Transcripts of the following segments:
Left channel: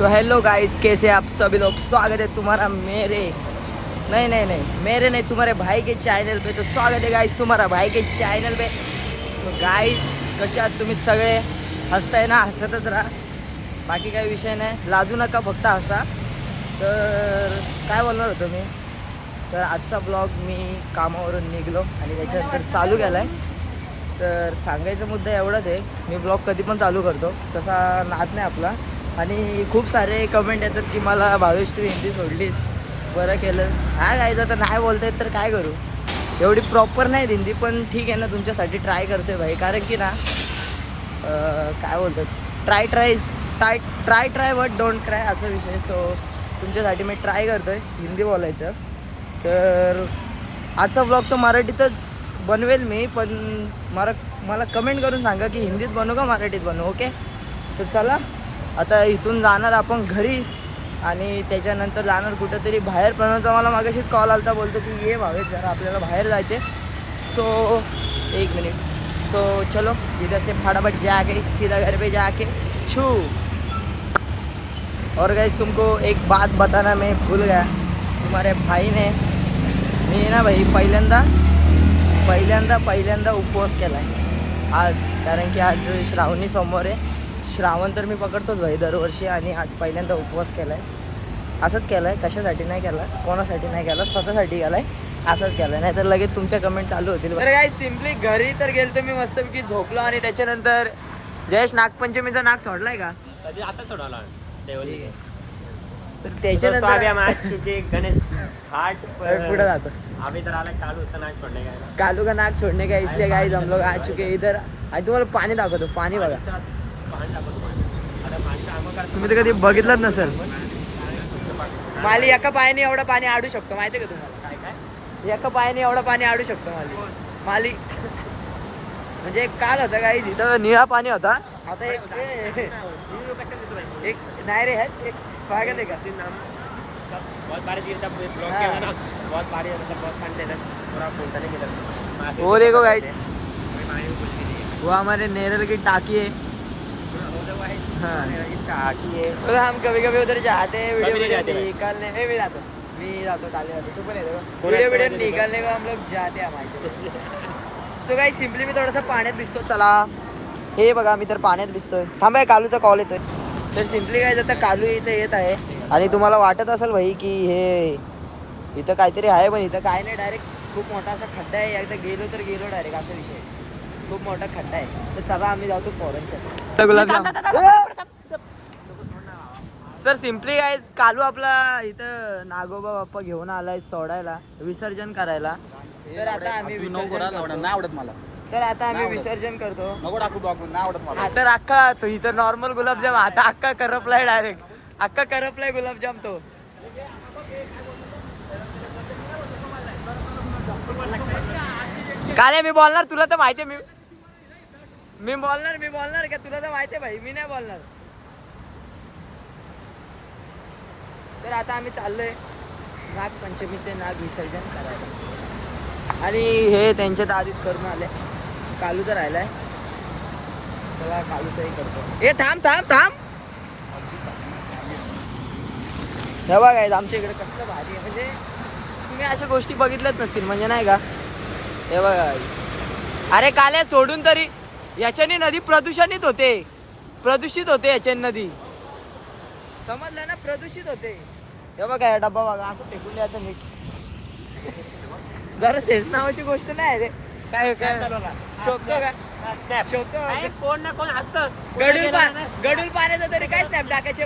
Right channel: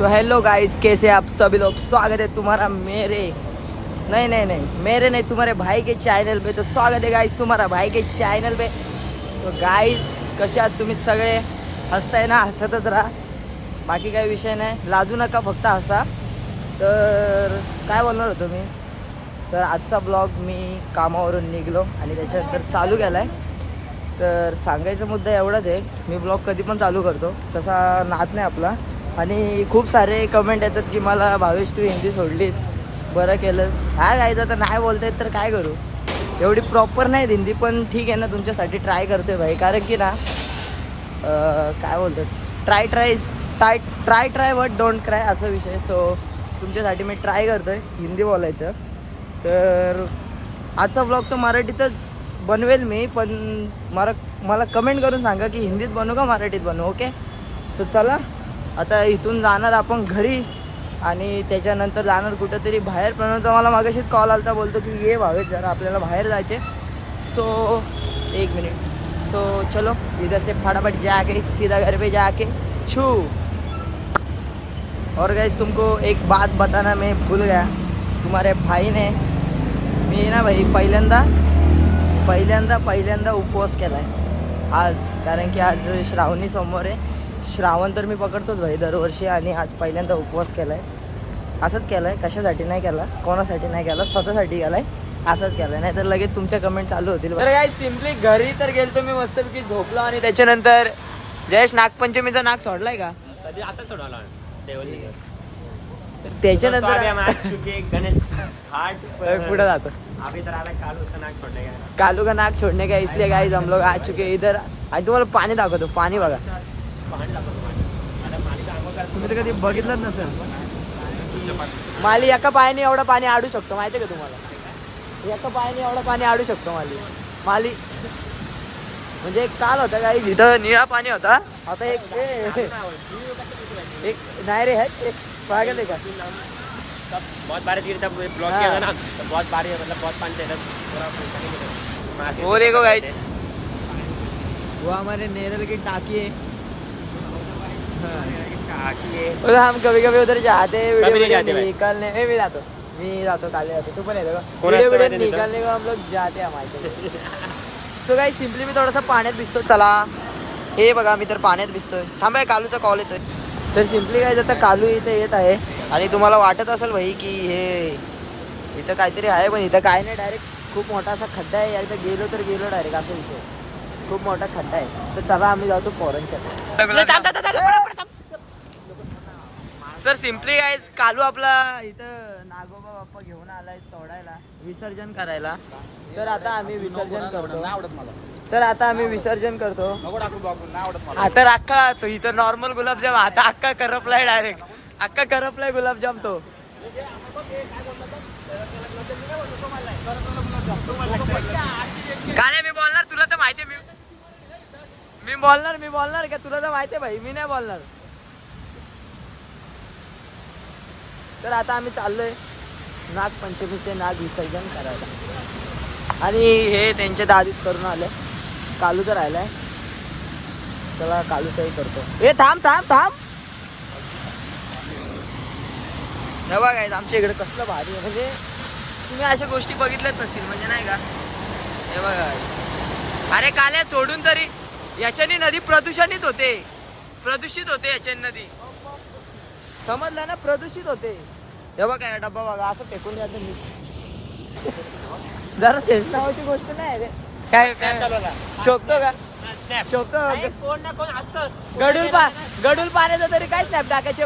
So hello guys, कैसे आप सभी लोग। स्वागत है तुम्हारा मेरे तुम्हारे भाई के चॅनल पे। तो स्वागत है गाइस तुम्हारा भाई के चॅनल पे। तो गाइस कसे आहात तुम्ही सगळे? हसताय ना, हसतच राहा, बाकी काही विषय नाही, लाजू नका, फक्त हसा। तर काय बोलणार होतो मी, तर आजचा ब्लॉग मी कामावरून निघलो आणि त्याच्यानंतर चालू केला आहे। तर सांगायचा मुद्दा एवढाच आहे, मी ब्लॉग कधी पण चालू करतो, तसा नाद नाही आपला। आणि खूप सारे कमेंट येतात की मला भावेश तू हिंदी सोडलीस, बरं केलंस। हा गायचं तर नाही बोलता येत तर काय करू, एवढी प्रॉपर नाही हिंदी, पण ठीक आहे ना, तुमच्यासाठी ट्राय करतोय भाई। कारण की ना काय बोलतात, ट्राय बट डोंट क्राय असा विषय। सो तुमच्यासाठी मी ट्राय करतोय हिंदी बोलायचं। तर आजचा ब्लॉग तो मराठीतच बनवेल मी, पण मला कमेंट करून सांगा की हिंदीत बनवू का मराठीत बनवू, ओके। सो चला आता इथून जाणार आपण घरी आणि त्याच्यानंतर जाणार कुठंतरी बाहेर। प्रणवचा मला मागाशीच कॉल आलता, बोलतो की ये भावेश जरा आपल्याला बाहेर जायचे। सो एक मिनट, सो चलो इधर से फटाफट जाके सीधा घर पे जाके छू। और गाइस तुमको एक बात बताना मैं भूल गया, तुम्हारे भाई ने मी ना भाई पहिल्यांदा उपवास केला आहे आज। कारण की आज श्रावणी सोमवार आहे, श्रावण तर मी पकडतोच भाई दरवर्षी, आणि आज पहिल्यांदा उपवास केला आहे। असंच केलं आहे, कशासाठी नाही केला, कोणासाठी नाही केला, स्वतःसाठी केला आहे, असंच केलं आहे। नाही तर लगेच तुमच्या कमेंट चालू होतील। तर काय सिम्पली घरी तर गेलतो मी मस्तपैकी झोपलो, आणि त्याच्यानंतर जयेश नागपंचमीचा नाग सोडलाय का? कधी आता सोडवला तर त्याच्यानंतर पुढे जातो। कालू का नाक छोड़ने का, इसलिए गाइस हम लोग आ चुके हैं इधर। आणि तुम्हाला पाणी दाखवतो, पाणी बघा, तुम्ही तर कधी बघितलंच नसेल। माली एका पायाने एवढं पाणी आडू शकतो, माहिती आहे का तुम्हाला? एका पायाने एवढं पाणी आडू शकतो माली म्हणजे काल होता गाइस, इथं निळा पाणी होता, आता एक नाही रे, एक पागल आहे का? बहुत बारिश गिरी था, ब्लॉक किया था ना, बहुत बारिश होता था, बहुत पानी था, पूरा फूलता नहीं गिरा। वो देखो गाइस, वो हमारे नेरल की टाकी है। हाँ टाकी है। और हम कभी कभी उधर जाते हैं वीडियो निकालने। मी जातो काले जातो, तू पण येतो का? वीडियो निकालने का हम लोग जाते हैं हमारे। सो गाइस सिम्पली मी थोडासा पाण्यात भिजतो। चला हे बघा, मी तर पाण्यात भिजतोय। थांबा, कालूचा कॉल येतोय। तर सिम्पली काय आता कालू इथे येत आहे, आणि तुम्हाला वाटत असेल भाई की हे इथं काहीतरी आहे, पण इथं काय नाही, डायरेक्ट खूप मोठा असा खड्डा आहे। एकदा गेलो तर गेलो डायरेक्ट, असा विषय, खूप मोठा खड्डा आहे। तर चला आम्ही जातो पोरांच्या। सर सिम्पली काय, कालू आपला इथं नागोबा बाप्पा घेऊन आलाय सोडायला, विसर्जन करायला। तर आता आम्ही विसर्जन करतो। आता अख्खा तो इथं नॉर्मल गुलाबजाम, आता अख्खा करपलाय, डायरेक्ट अख्खा करपलाय गुलाबजाम तो। काय नाही मी बोलणार, तुला तर माहिती आहे, मी बोलणार का? तुला तर माहिती आहे भाई, मी नाही बोलणार। तर आता आम्ही चाललोय नागपंचमीचे नाग विसर्जन करायला, आणि हे त्यांच्या आधीच करून आले। कालूचं राहिलाय, चला कालूचंही करतो। ए थांब, हे बघा आमच्या इकडे कसलं भारी आहे, म्हणजे तुम्ही अशा गोष्टी बघितल्याच नसतील, म्हणजे नाही का? हे बघा, अरे काल्या सोडून तरी याच्याने नदी प्रदूषित होते याच्याने नदी, समजलं ना, प्रदूषित होते। हे बघा या डब्बा बघा, असं फेकून द्यायचं मी, जरा सेन्स नावाची गोष्ट नाही रे। काय शोधतो का? गडूल पाण्याचा तरी काय स्नॅप टाकायचे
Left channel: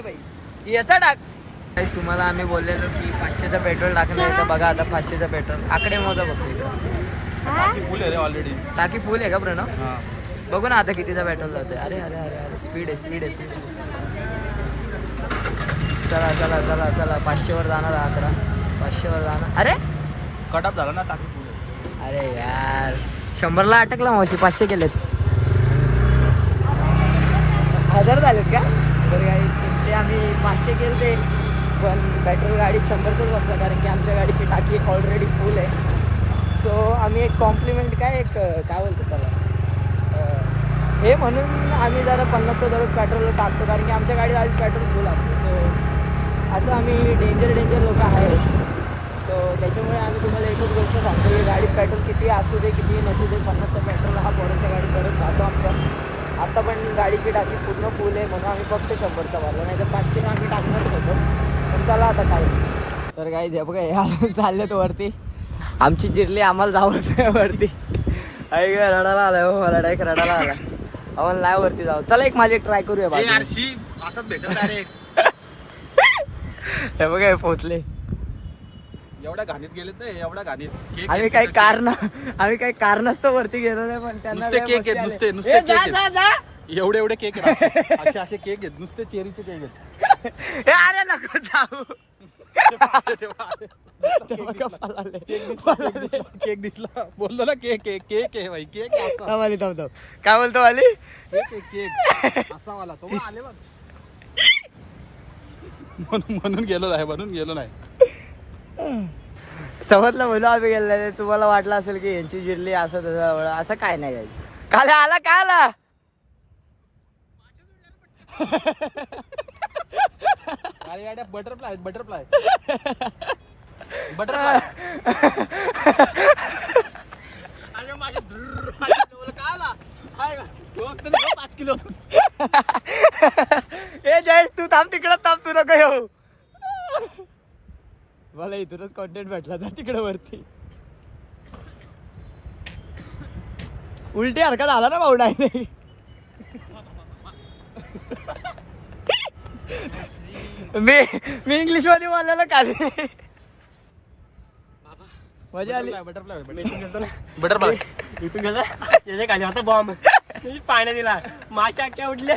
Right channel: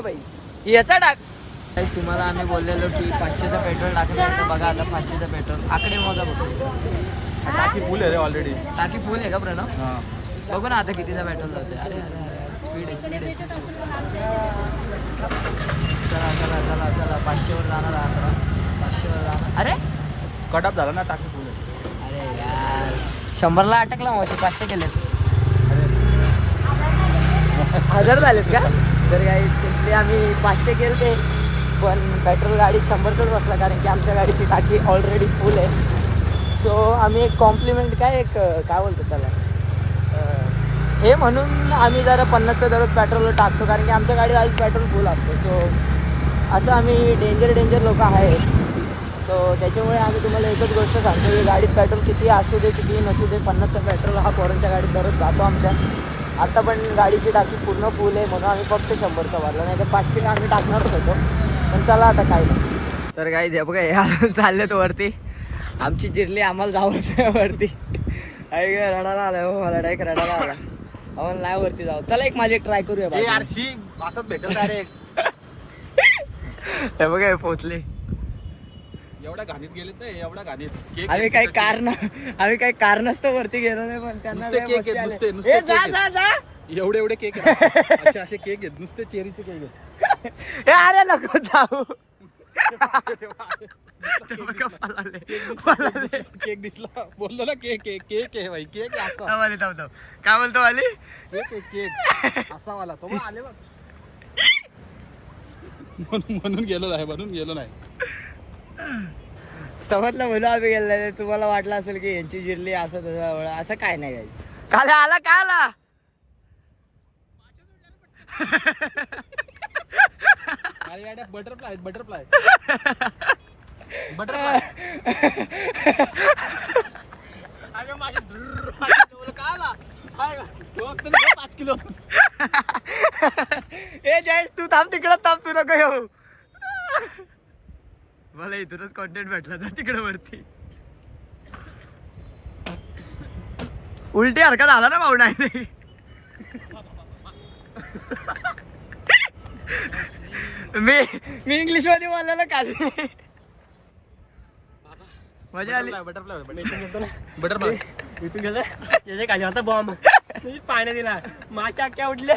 भाई, याचा टाक। तुम्हाला आम्ही बोललेलो की 500चं पेट्रोल टाकलं आहे, तर बघा आता 500चं पेट्रोल आकडे मोजा बघतो। टाकी फुल आहे का प्रणव? बघू ना आता कितीचा पेट्रोल जातोय। अरे स्पीड आहे। चला 500वर जाणार, 500वर जाणार। अरे कटअप झाला ना टाकी। अरे यार 100ला अटकला मावशी, 500 केलेत, 1000 झालेत का? तर काही सिम्पली आम्ही 500 केले, पण पेट्रोल गाडीत 100चंच बसला, कारण की आमच्या गाडीची टाकी ऑलरेडी फुल आहे। सो आम्ही एक कॉम्प्लिमेंट काय बोलतो त्याला, हे म्हणून आम्ही जरा 50चं दररोज पेट्रोल टाकतो, कारण की आमच्या गाडीत आधीच पेट्रोल फुल असतं. सो असं आम्ही डेंजर लोक आहेत. सो त्याच्यामुळे आम्ही तुम्हाला एकच गोष्ट सांगतो की गाडीत पेट्रोल किती असू दे किती नसू दे, 50चं पेट्रोल हा पोरांच्या गाडीत परत जातो आमच्या. आता पण गाडीची टाकी पूर्ण फुल आहे म्हणून आम्ही फक्त 100चा भरला, नाही तर 500 आम्ही टाकणारच होतो. पण चला आता काय नाही. तर काही हे बघा हे चाललेत वरती. आमची जिरली आम्हाला जावंच वरती. आई ग रडायला आलाय हो, मला डायरेक्ट रडायला आला. आम्हाला नाही वरती जाऊ. चला एक माझी ट्राय करूया बाजूला. हे बघा हे पोचले. एवढ्या घाणीत गेलेत ना, एवढ्या घाणीत. आम्ही काही कारणास्तव वरती गेलो नाही, पण त्यांना नुसते काय केक मस्ती आहेत, आली. नुसते- नुसते ए, केक जा आहेत. जा जा. एवढे केक आहेत. असे केक आहेत, नुसते चेरीचे केक आहेत. ए, अरे नको जाऊ. ते बघा पळाले. केक दिसला, बोललो ना केक आहे भाई, केक आहे असा. थांब, काय बोलतो वाली? केक असा वाला तो बघ, आले बघ. म्हणून गेलो नाही. समजलं बोलू आम्ही गेलेले. तुम्हाला वाटलं असेल की यांची जिरली असं तसं, असं काय नाही काही. काल आला काय आला. अरे याड्या बटरफ्लाय अरे माझ्या काय आला 5 किलो. ए जयेश तू थांब, तिकडं थांब, तू नको येऊ. मला इथूनच कॉन्टेंट भेटला तर तिकडे वरती. उलटी हरकत आला ना भाऊ नाही. मी इंग्लिश मध्ये बोलायला काय मजा आली. बटरफ्लाय इथून गेलं याच्या खाली होता बॉम्ब, पाण्यात दिला, माशा अख्ख्या उडल्या.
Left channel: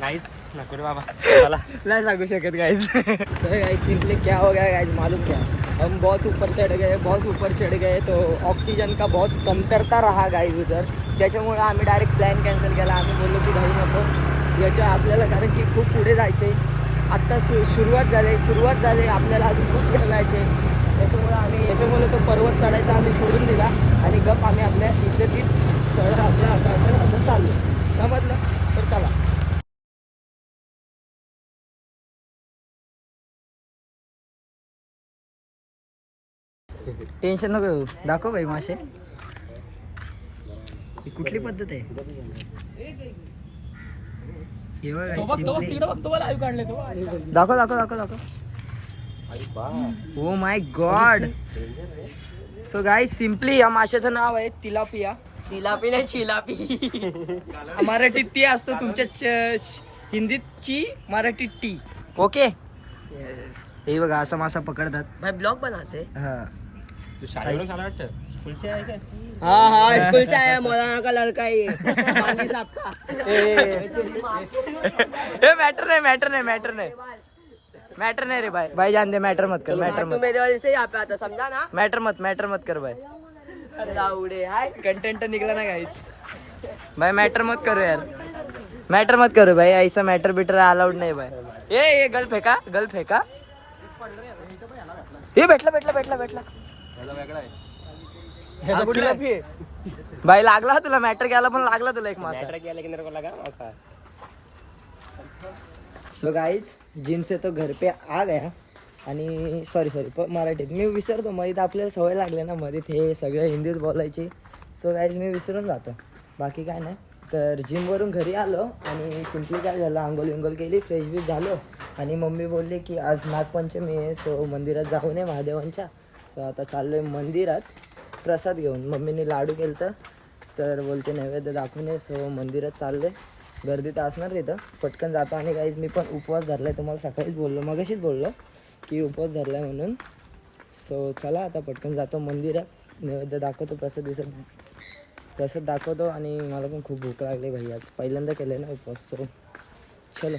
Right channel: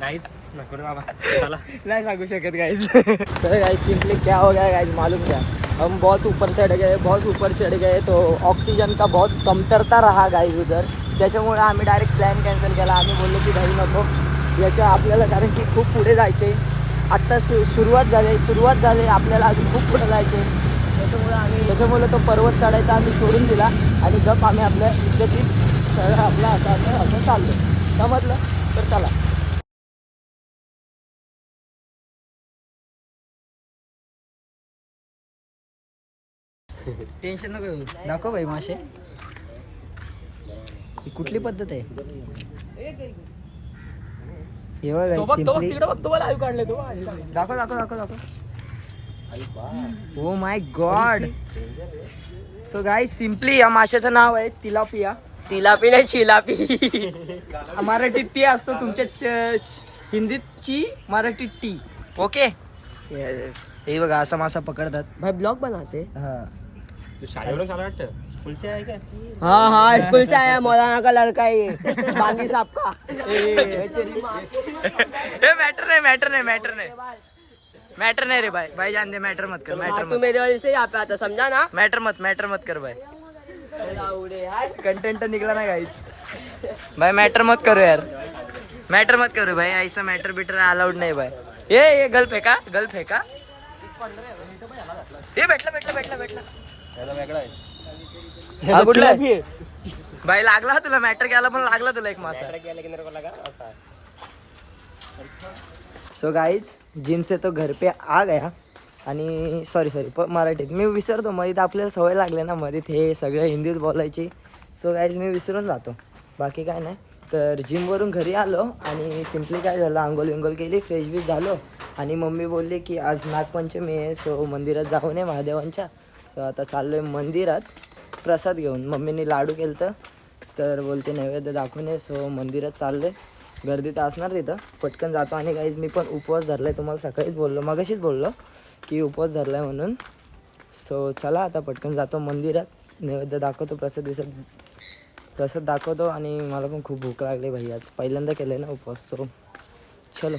गाइस नको रे बाबा, चला नहीं सांगू शकत गाइस. तो गाइस सिंपली क्या हो गया गाइस मालूम क्या, हम बहुत ऊपर चढ़ गए तो ऑक्सीजन का बहुत कमतरता रहा गाइस उधर. त्याच्यामुळे आम्ही डायरेक्ट प्लॅन कॅन्सल केला. आम्ही बोललो की घाई नको याच्या आपल्याला, कारण की खूप पुढे जायचे. आत्ता सुरुवात झाली आपल्याला, अजून खूप पुढे जायचे. त्याच्यामुळे तो पर्वत चढायचा आम्ही सोडून दिला आणि गप आम्ही आपल्या इज्जतीत सरळ आपला असं चाललो. समजलं? तर चला. टेन्शन नको घेऊ. दाखव भाई मासे. ही कुठली पद्धत आहे? हे बघा सिंपली दाखव. Oh my God. So guys simply या माशाचं नाव आहे तिलापिया. तिलापी चिलापी. मराठीत ती असतो, तुमच्या हिंदीची मराठीत टी. ओके. हे बघा असा मासा पकडतात. भाई ब्लॉग बनाते. हा शाळेवरून छान वाटतं. स्कूल से आहे काय? हाँ स्कूल से आया, मौलाना का लड़का है ये, बानी साहब का. ये मैटर नहीं रे भाई जान दे. मैटर मत कर. मेरे वजह से यहाँ पे आता, समझा ना. मैटर मत कर भाई. कंटेंट निकला ना गाइस. भाई मैटर मत करो यार. मैटर मत करो भाई, ऐसा मैटर बिटर अलाउड नहीं भाई. ये गल फेका. ये भेटला. हा कुठला आहे? भाई लागला तुला, मॅटर केला पण लागला तुला एक मासा. सो गाइज जिम से तो घर पे आ गया. आणि सॉरी मराठीत मी विसरतो. मध्ये आपल्याला सवय लागली ना, मध्ये हे सगळं हिंदीत बोलायची. सो गाइज मी विसरून जातो, बाकी काय नाही. तर जिमवरून घरी आलो आणि सिम्पली काय झालं, आंघोळ केली, फ्रेश बीश झालो. आणि मम्मी बोलली की आज नागपंचमी आहे, सो मंदिरात जाऊ नये महादेवांच्या. सो आता चाललो आहे मंदिरात प्रसाद घेऊन. मम्मीने लाडू केलं तर बोलते नैवेद्य दाखवून ये. सो मंदिरात चाललो आहे. गर्दी तर असणार तिथं, पटकन जातो. आणि गाईज मी पण उपवास धरला आहे, तुम्हाला सकाळीच मगाशीच बोललो की उपवास धरला आहे म्हणून. सो चला आता पटकन जातो मंदिरात, नैवेद्य दाखवतो, प्रसाद दाखवतो. आणि मला पण खूप भूक लागली भाई, आज पहिल्यांदा केलं आहे ना उपवास. सो चलो.